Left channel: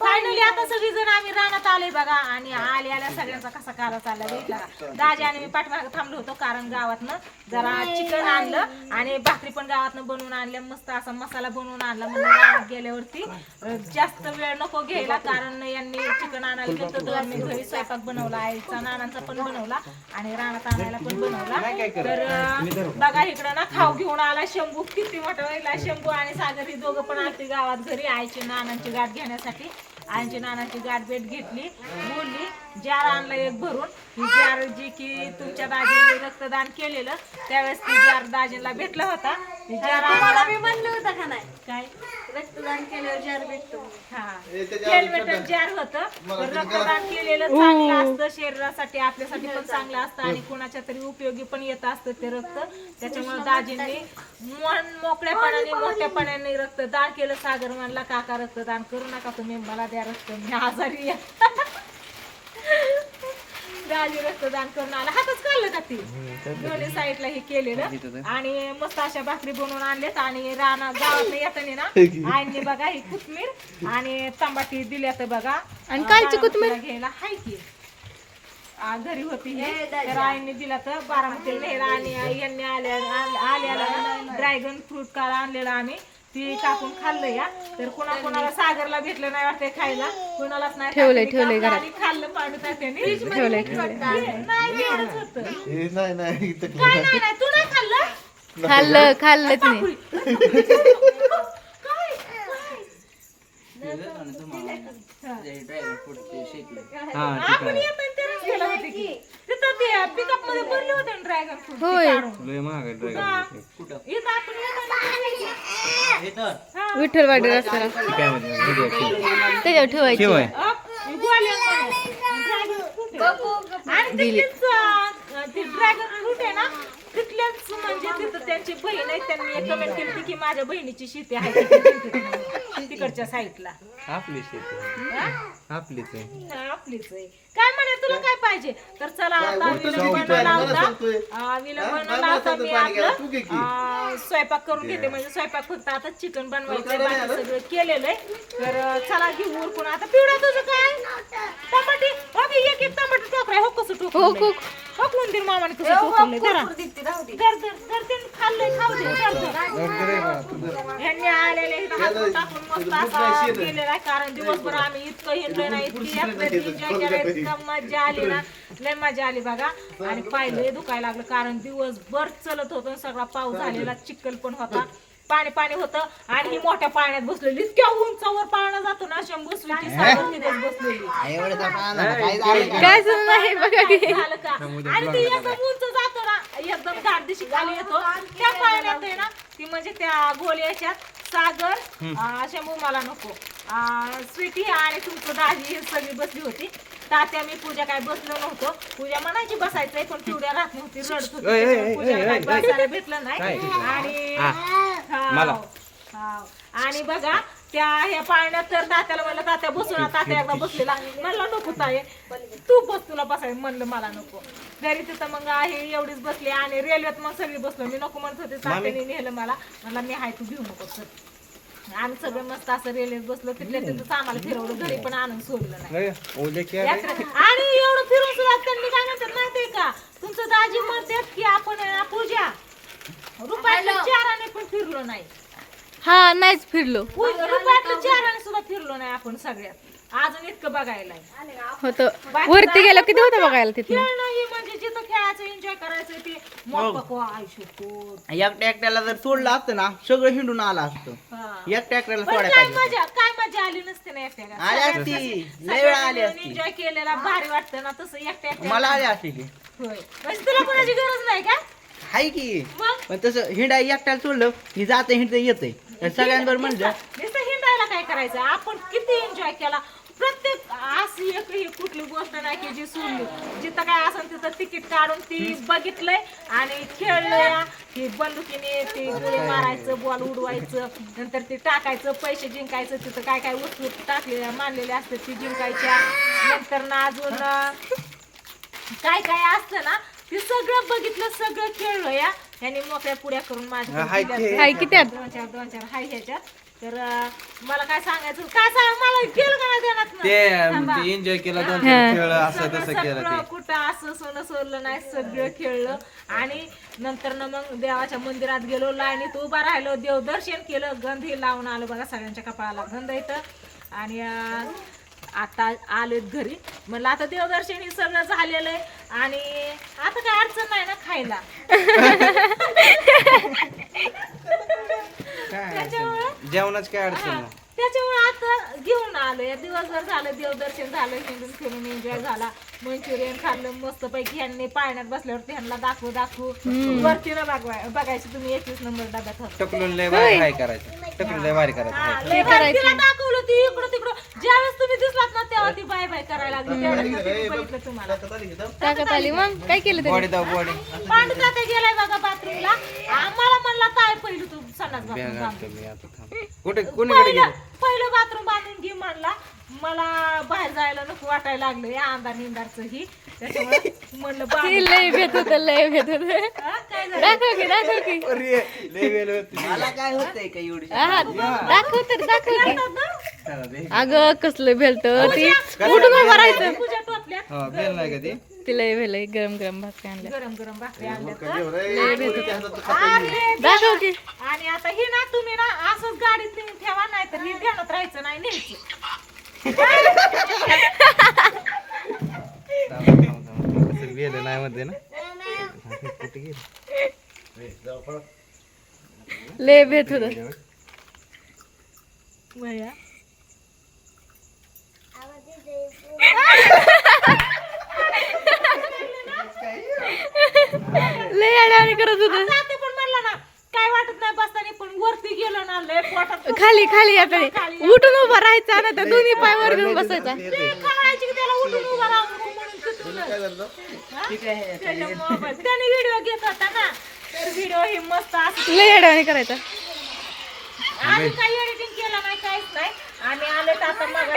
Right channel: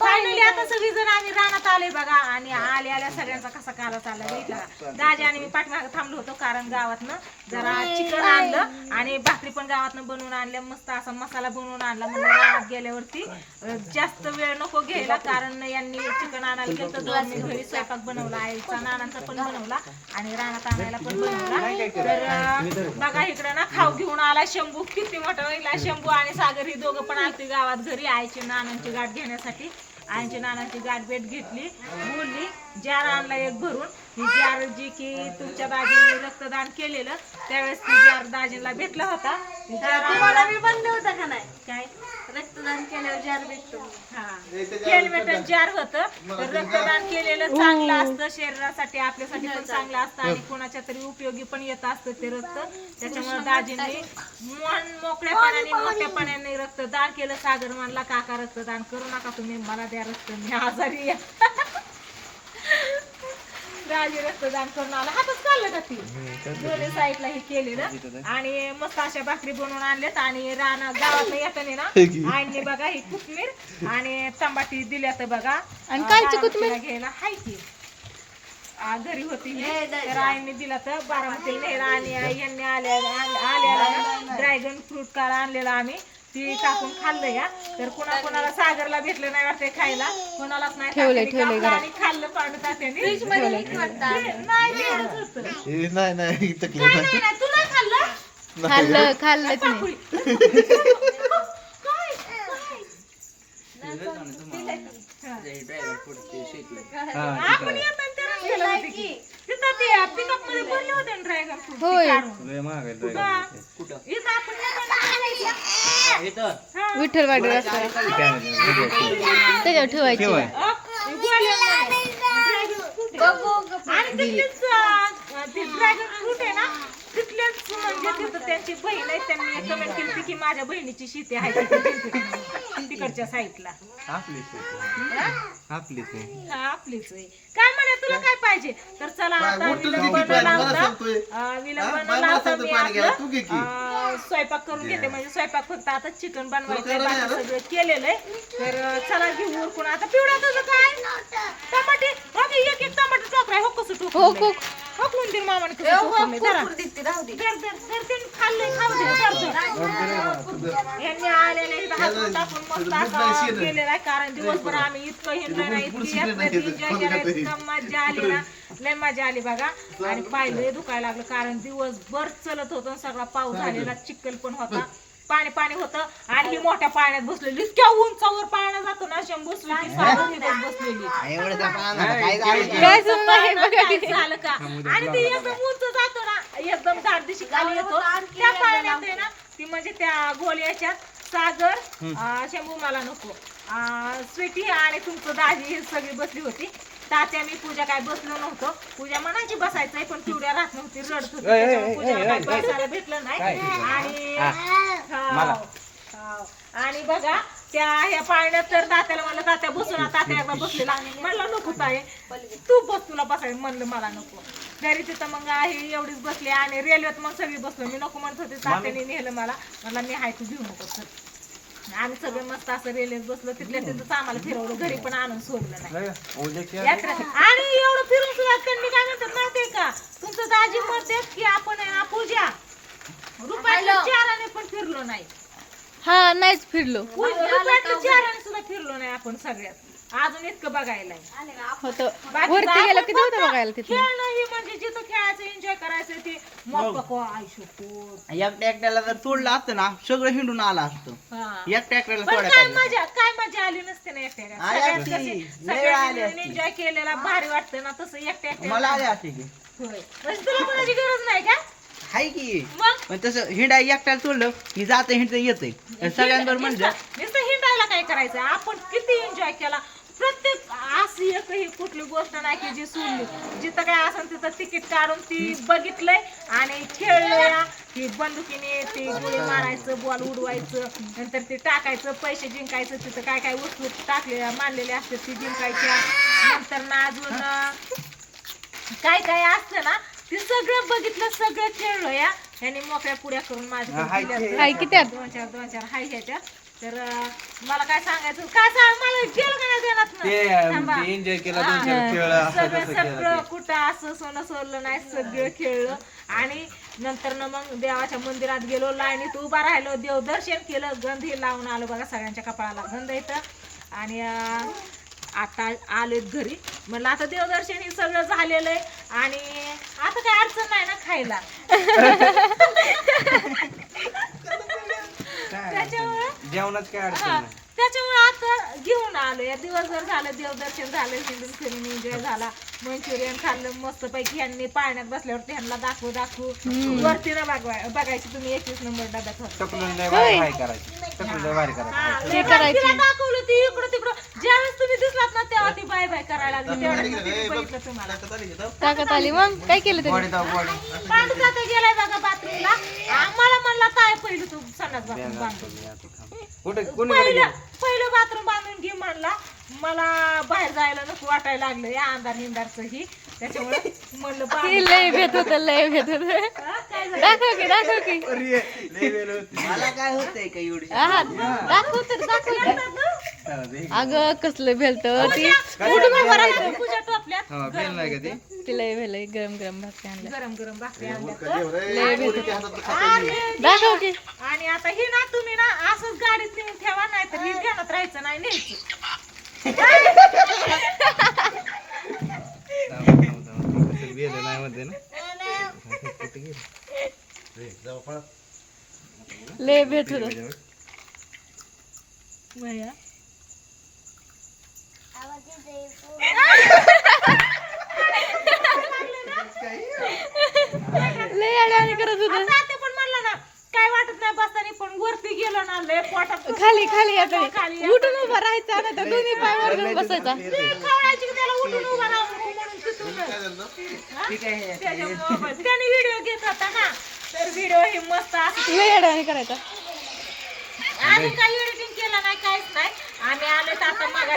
Finally आता सगळी जण आम्ही रानात आलोय बघा. आणि आले आल्या सगळ्यांचा कसा काला चालला बघितला का दाजी आणि मी पाठीमागे थांबलो होतो कारण गावातनं. जरा चिकन आणलं आणि भाकरी पण गावातनं बनवून आणल्या. मस्त असा मसाला बनवून आणला म्हणून रानात गेल्यावरती. अं, जास्त वेळ नको घ्यायला कारण यांनी चिकन आणायला गेलं तर मी घरी स्वयंपाक बनवला. आईचा नानांचा पण बनवला आणि रानात आणायला पण बनवला. तर अं, बघा इकडं ना खाऊ घेऊन आला शंभू. किती मोठा शंभू आणि सागर. ही दोघं पण आलते गावात घरी. आईची नानांची गाठ घेण्यासाठी. आईची नानांची गाठ भेट घेतली बोलली. जार आणला एक भरून. ही जार जी की तुमच्या दाजीने रक्तदान केलेलं त्यावेळेस ती जार दाजीला भेटला होता. जार तुम्हाला मी म्हणलं होतं का नाही? काय? रक्तदान केल्यावर जार भेटतो हा. हेल्मेट जार होत. रक्तदान केलेलं चांगलं असतं शरीरासाठी आपल्यासाठी पण चांगलं असतं आणि कोणाच्या तरी उपयोगी पण येत असतं ते रक्त. त्याच्यामुळे दाजींनी मन मोकळ्यापणाने मोठ्यापणाने रक्तदान केलं. सागर म्हणला काका रक्तदान करू नका तुम्ही. मला द्या रक्त. मी आजारी आहे." दाजी रक्तदान करून आला. हातच काढलं का ती? दोन्ही साईडला हे केलेलं आणि मस्त अशा भाकरी बनवून आणल्यात आणि राणा गावात येताना ना आईने बघा ही कोथमीर आणि तंबाटी दिल्यात बघा. आणि कालची कोथमीर? घ्यायला हाय की. आ, घरी होती ही. तर आईने दिला तर बारामती नेहरा आणि आई यांनी आल्या आल- आल्याला ड्रॅगन फ्रूट काल आणलेला आम्ही. ती कापून खाल्लं या तर कुणा कुणाला सागरला भेटलं नाही वाटतंय खायला. कुणालाच नाही ठेवलंय ठेवलंय आणि खाल्लं पांडू तात्याने. नाही येत होतं. हे नाही नाही इथं काय नाही नाही तू नाही खाल्लं? खाल्लं खाल्लं तुम्ही आपण येताना होते की. तिथं ते पिकअपमध्ये भरले होते ना ड्रॅगन फ्रूट होय. कुठं? इथं आपण येताना हा. विठ्ठलवाडी रस्ता त्याच्यावर ठेवायची. अप, गोळ्यांमध्ये. ड्रॅगन फ्रूट आहे. आणि तिथलीच, अं, ते ड्रॅगन फ्रूट आहे ना तिथल्याच म्हणजे तिथं त्यांची बहीण आहे त्यांनी कमेंट केली होती की माझ्या बहिणीची शेती आहे. तिथं- तिकडच्या साईडला आपली शेती. हा? आपलीच आहे. हा, आपलीच आहे. काय म्हणे तुला काय पाहिजे? तर चला आता विलंब बनवला होता अं, विलंब होता मी आपलं अं, स्वयंपाक करून घेते. म्हणजे स्वयंपाक फक्त आता चिकन बनवायचं बाकी सगळं केलेलं आहे. तर अं, चला घेऊ उरकून. आता पिवळा तुझं काय? टमाटे एक एक टमाटे टोकरा. हो कसं टोकलं ठोकून दे मामाने कसं टोकलंय जरा. धर धर धर ते खाल्लंय खाऊ दे धर धर. यांनी आलेलं इथं हातून टाकून मस्त असा केलेला आहे कारण दिवसभर आम्ही इतकं हिंडलं नाही इतकी यात्रेत एन्जॉय केलं इतकं मजा आली ना. लय मजा आली बघा. आणि पाहिलं दुखायला लागलं कारण दिवसभर चलत होतं सगळा पाऊस झालेला चिखल पण होता. पाणी पाणी होतं आणि ही मोठ्या पाण्यात बसलेली. इतक्या उंचावर पाळणा जातो ना शंभू बसली ती बसलेली. काय सुरू नाही बघा की झालं? का? आणि ते एकदम उंच जातो ना एकदम दारदिशी खाली येतो. त्या पाळण्यात आहे ना. ती म्हणजे त्या गोल याच्यात सागर अं, शंभू मला नको. अं, स्वीटी आणि तुमचं दाजी हे सगळी बसली होती. तात्या मी पूजा काय बसलो नव्हतो. पूजा म्हणायची बसायचंय पण पिवड्या राहत नव्हती रडत होती. त्याच्यामुळे पूजाला काय बसायला भेटलं नाही. आणि हाव, हाव. आणि बघा त्या ह्या पाळण्यात तर तात्याला म्हणलं तात्या बसू ना तात्या एकदा बसलेला म्हणलं नको ताई तू बस तुला बसाय म्हणलं मला नको. घरी तिथं मग आहे एवढीच बसली. आणि रेल्वेत मग सगळी बसलो. मी नको म्हणत होते तात्याने नेलं मला. म्हणलं मी हाय तू घेऊ नको सर आम्ही सगळे मस्त असं रेल्वेत बसलो. तिथल्या तिथंच आम्हाला फिरवलं घरी पण आणून सोडलं नाही. ओले की यात्रा आणि एवढं फिरून सुद्धा त्यांनी काय म्हणतात माहितीये का? तुमचं दाजी म्हणतात की आपण आहे ना पूजा. रुपयाच्या चाराने पण फिरलो नाही. हा नाहीच फिरलो. रुपयाच्या चाराने सुद्धा फिरलो नाही आपण सगळ्यात. अजून इतकं बघायला. होतं. वरती गेलं किती होतं बघायला तिथे खेळणं म्हणजे जिथं खेळायचं एन्जॉय करायचं ते मग पको आयुष्य एकट्या एकट्याला जर सोडलं असतं ना सगळं हिंडून आला असतं. एकट्या एकट्याला पण सोडायला काय मजा काय मजा आली नसते ना एकट्या आली असती. लय वेळा आली असती. एन्जॉय केलेला भारी वाटतं ना तसं एकट्या एकट्या मला आली असते की. होय. म्हणजे तुला कोणाची गरज नाही का? हाय की. मग? पण तसं हिंडा एकट्याला सोडलं की जातं हिंडतं येतंय. आणि सगळ्यांबरोबर नुसतं हिंडायला काय करायचं? आपण किती एन्जॉय केला? प्रत्येक अशी एक ही कुठली गोष्ट नाही की जी सोडली जिथं काय असेल तिथं तिकीट काढून ती बघितलंय आणि खेळलंय. ती बंदुकीने ती गोळी मारायचं बॉल उडवायचं नंतर ते टाकायचं पैसे जिंकायचं तिथं काय काय वस्तू टाकलेल्या मानलेल्या असतात ती जिंकायच्या. नंतर ना अजून काय काय असतं ना ते सगळं बघितलं सगळं खेळलं या. त्यांनी मोकळ्या पुड्या करून माझ्या दोन चार दोन चार हाय ह्याच्यात. तर मला काय सांगायचं? काय सांग? मला केलं का नाही? ते थांबा. एन्जॉय केला दोन चार खेळ असं सगळं तसं केलं सगळं ते कुठं असं सोनं सोडलं नाही सगळं खेळलं. आणि नंतर ना मग देवाच्या मंदिरात गेलो लाईनीत उभा राहिलो देवदर्शन केलं गंधी लावून आलो बघा सगळ्यांच्या कपाळाला. गंध येतं आणि अं, आता आलेत घरी. म्हणलं आता देवदर्शन हे सगळं झालेलं आहे. आणि आता काय अडचण नाही ना खायला. त्याच्यामुळं जेवणाच काय अडचण हा, नाही. घेऊन आलो. या दिवसभर झालं देवदर्शन झालं हिंडून फिरून एन्जॉय झाला. मंचुरियन खाल्लं मस्त पैकी ह्यांनी पाळण्यात बसल्यावर ह्यांना दाखवू दाखवू. वरती ना बघवाय बघायची तुम्ही एकवीस नंबर डब्यात करायचं. लय भारी करायचं. तिला दाखवलं ती इकडं तिकडं. ज्यावेळेस तुम्ही दिसलात ना तेव्हा ती बाय बाय करायला लागली. तेवढ्यात तिने बघितलं तुम्हाला. ताकद आली मग? काय केलं बॉडी तरी दाव बॉडी पांडू जाते गेलाय बघा बाथरूमला. आम्हाला म्हणला काय पहिलं तू संडास बाथरूम बांधून मी आता थांब. कुठे कोणीकडे पहिलं गेली? पहिलं बाथरूम बांधून घे म्हणला. मला बाहेर जायला नको वाटायला लागलं. या अंधार हिंदारचं ही त्याच्यामुळे म्हणलं लय भेट होत लय भेट होत. हा? दाखव की दाखव की. मला काय होतंय का एवढी? हा, दाखव तर दाखव की. चला दे. अगं कसलं भेलत ती उठून उभं राहायचं पूजा टोपल्यात. हा बेल नाही का ती? ती लय भेल गरम गरम भात आणलं गरम गरम भाकरी आणल्या लय भेट होत. आणि दाखव की. आणि आता ही ना तुम्ही ना असंच गाडीत नेऊन ठेवा नाही तर ध्यानात राहायचं नाही न्यायचं. बेल नाही म्हणते ना? कुठे गेली? लय भेट होत लय करत होत. ते पण म्हणलं ना काय वाटत नाही बसताना पण वरती गेलो ना लय पोटात खाली खाली आता. उठून उभं राहायचं ना तर दोन्ही पाय वर घेऊन बसायचा. कावळायची की त्याला उठून उभा राहू नको म्हणून. हा? त्याने व्हिडिओ घेत होता ना. तर व्हिडिओ हे मस्त असं लय अडवणी करायचा. आम्ही काही एडिटिंग केलं नाही काहीच नाही. आम्ही आले तर आता मग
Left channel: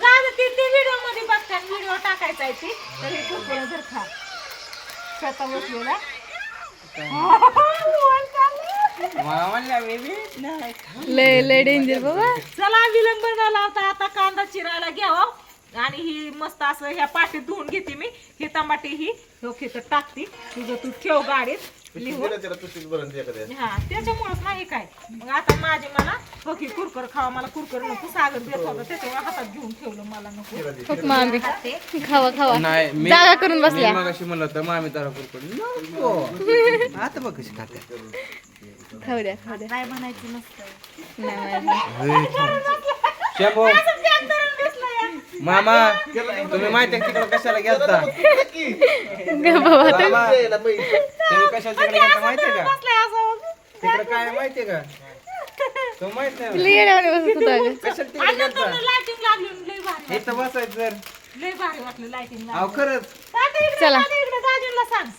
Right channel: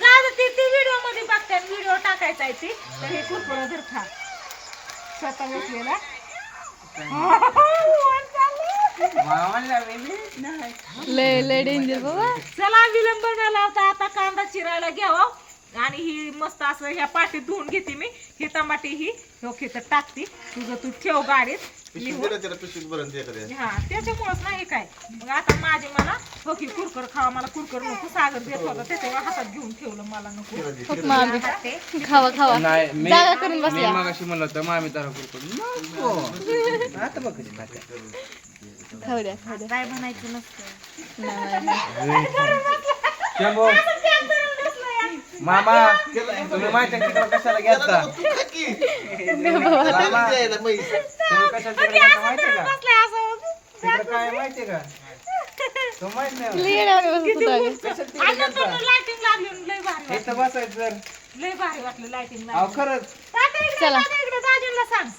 जाऊ ते ते व्हिडिओमध्ये बघतात व्हिडिओ टाकायचा आहे ती. तर हे कुरकुरा जर खा. स्वतः बसलेला. लय लय डेंजर बाबा चला विलंब न लावता आता कांदा चिरायला घ्यावा आणि ही मस्त असं ह्या पाटीत धुवून घेते मी. ही टमाटी ही हो खेतर टाकते. तुझं तू ठेव गाडीत. लिहून? हा त्याच्यामुळेच नाही काय. मग आता माझे मला हो की कुरकर खावा मला कुरकर नको सागर देत होता त्याच्यामुळे हातात घेऊन ठेवलं मला नको. खूप मामी. खावा खावा. नाही मी जागा करून बसल्या. मग अशी म्हणलं होतं मामी तारा कुरकुड नको. आता बघ कशी खाते. खाऊ द्या खाऊ द्या. काय म्हणायचं नसतं. नाही मामा तुम्ही माहिती आहे तिकडे कशाला गेलता? मामा, तुम्ही कशाला तिकडे गेलता माहिती आहे का? तिकडे काय माहिती आहे का? तुम्ही माहीत नाही अगं. कशाला तिकडे गेलता? लाइटिंग लागली लय भारी इथं बसायचं जर. वाटलं लय भारी वाटलं लाइटिंग अहो खरंच. तात्या इकडे चला. तात्या इकडे दाजींना सांग.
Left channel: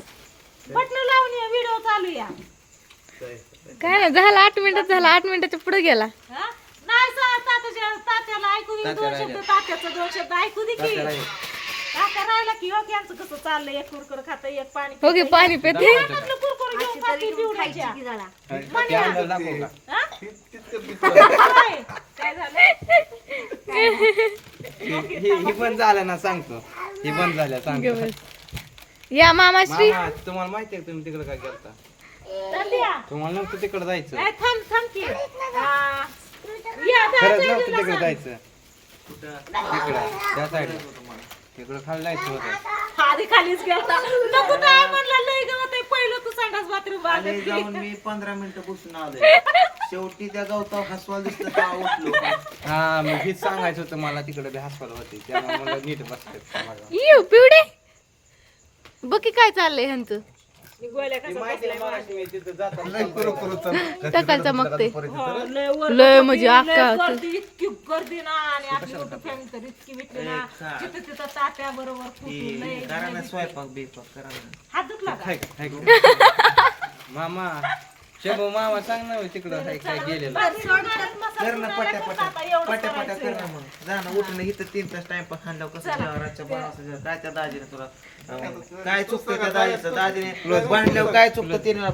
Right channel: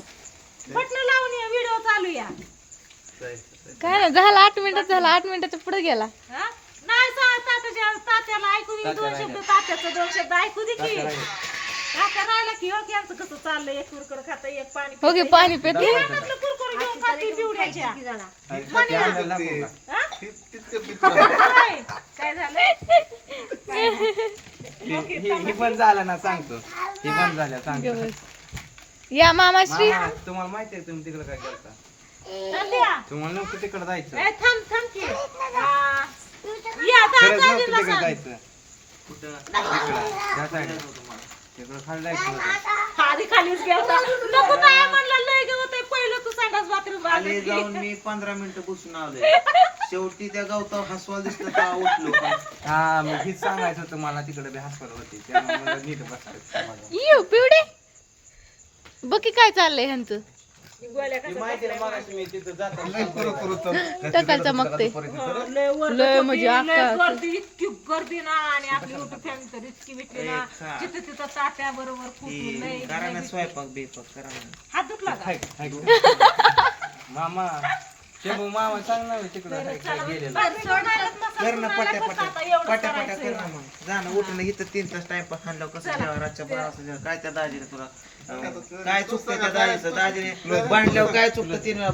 बटन लावून या व्हिडिओ चालू या. काय नाही झालं आठ मिनिटात झालं. आठ मिनिटाच्या पुढे गेला. हा? तात्याला ऐकू दे दोन शब्द तात्याचं दोन शब्द ऐकू दे की. तात्या राहिला की हो की कसं चाललंय? एक कुरकुर खातं एक पाणी हो पाणी पेते. म्हटलं कुरकुर घेऊन खाते पिवड्याच्या. ते अंदाज दाखव का हा? होय. काय झालं? हे हे- हे बंद झालं ना सांगतो. हे बंद झालं सांगतो. या मामाश्री. मामा, तुम्हाला माहिती आहे तुम्ही तिकडे काय करता. तुम्हाला नव्हतं तिकडे जायचं. ए, थांब थांब की. खरंच. जायचं. तिकडं त्या साईडला. तिकडं खाली जायचं होतं. आधी खालीच गेलता नको काय म्हणला लय गवत आहे. पहिलं तू सांगास बाथरूम आले जाऊन मी पंधरा मिनिटं बसून आलोय. शेवटी त्या गवतावर हसवा दिसलं तेव्हा उठलो हा मग हेच सांगायचं होतं मला तिकडे बी हॉस्पिटल होते. त्यामुळे मला नीट बसतं येऊ पिवडे. बघ की काय चाललंय ह्यांचं. ती माहिती आहे मला मी तिथं जाताना टकाल चमकते लय म्हणजे अक्का इतकी गर्दी ना आणि आपली युट्यूब फॅमिली तर इतकी भेटली ना. तिथं तिथं तात्या बरोबर स्वयंपाक बिपाक करा हात दुखला? मामा शंभू मामा सांग ना तिकडं काय गेलेलं. कर ना पट्या पट्या. पट्या पट्या कर ना मग. जा ना उठून इथं तीन तास टाइमपास खाल्ल्यावर कसं जेव्हा रातच्या बारा. काय त्या दाजीने तुला काय चुकतं त्या दाजीचं दाजीने भांडल्यावर काय चुकतं तिने हा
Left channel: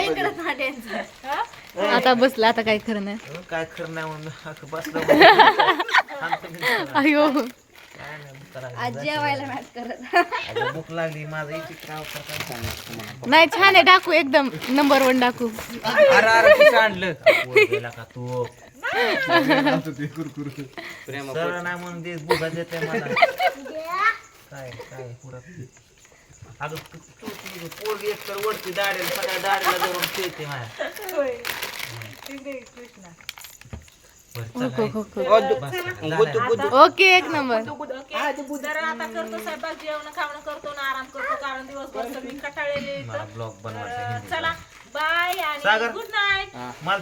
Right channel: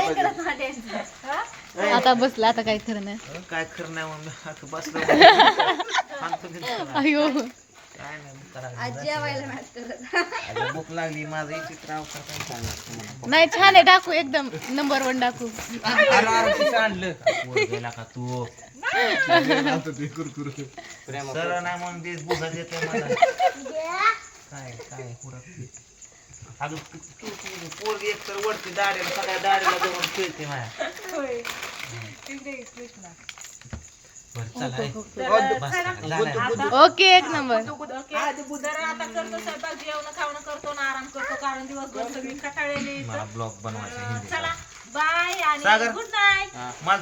इकडे भांड्यांचं आता बसला आता काय खरं नाही. काय खरं नाही म्हणून अख्खं बसलो. अयो. काय नाही करायचं. भूक लागली माझं? नाही छान आहे डाकू एकदम नंबर वन डाकू अरे अरे किती आणलं. गेला का तू? सरळ नाही म्हणून ते बुगा देते मला. काय काय पुढं अगं तू- तू- तू- पोरगी एक तर वरती दाढीला सगळ्या धरून खेळते माझ्या बरं, चल, आहे. झालं. ओके एक नंबर. आता करतो स्वयंपाक जेवण खावणं करतो ना आराम करतो कारण दिवसभर सगळी कटाळलेली मला ब्लॉग बनवायचा चला बाय आणि सागर. गुड नाईट मला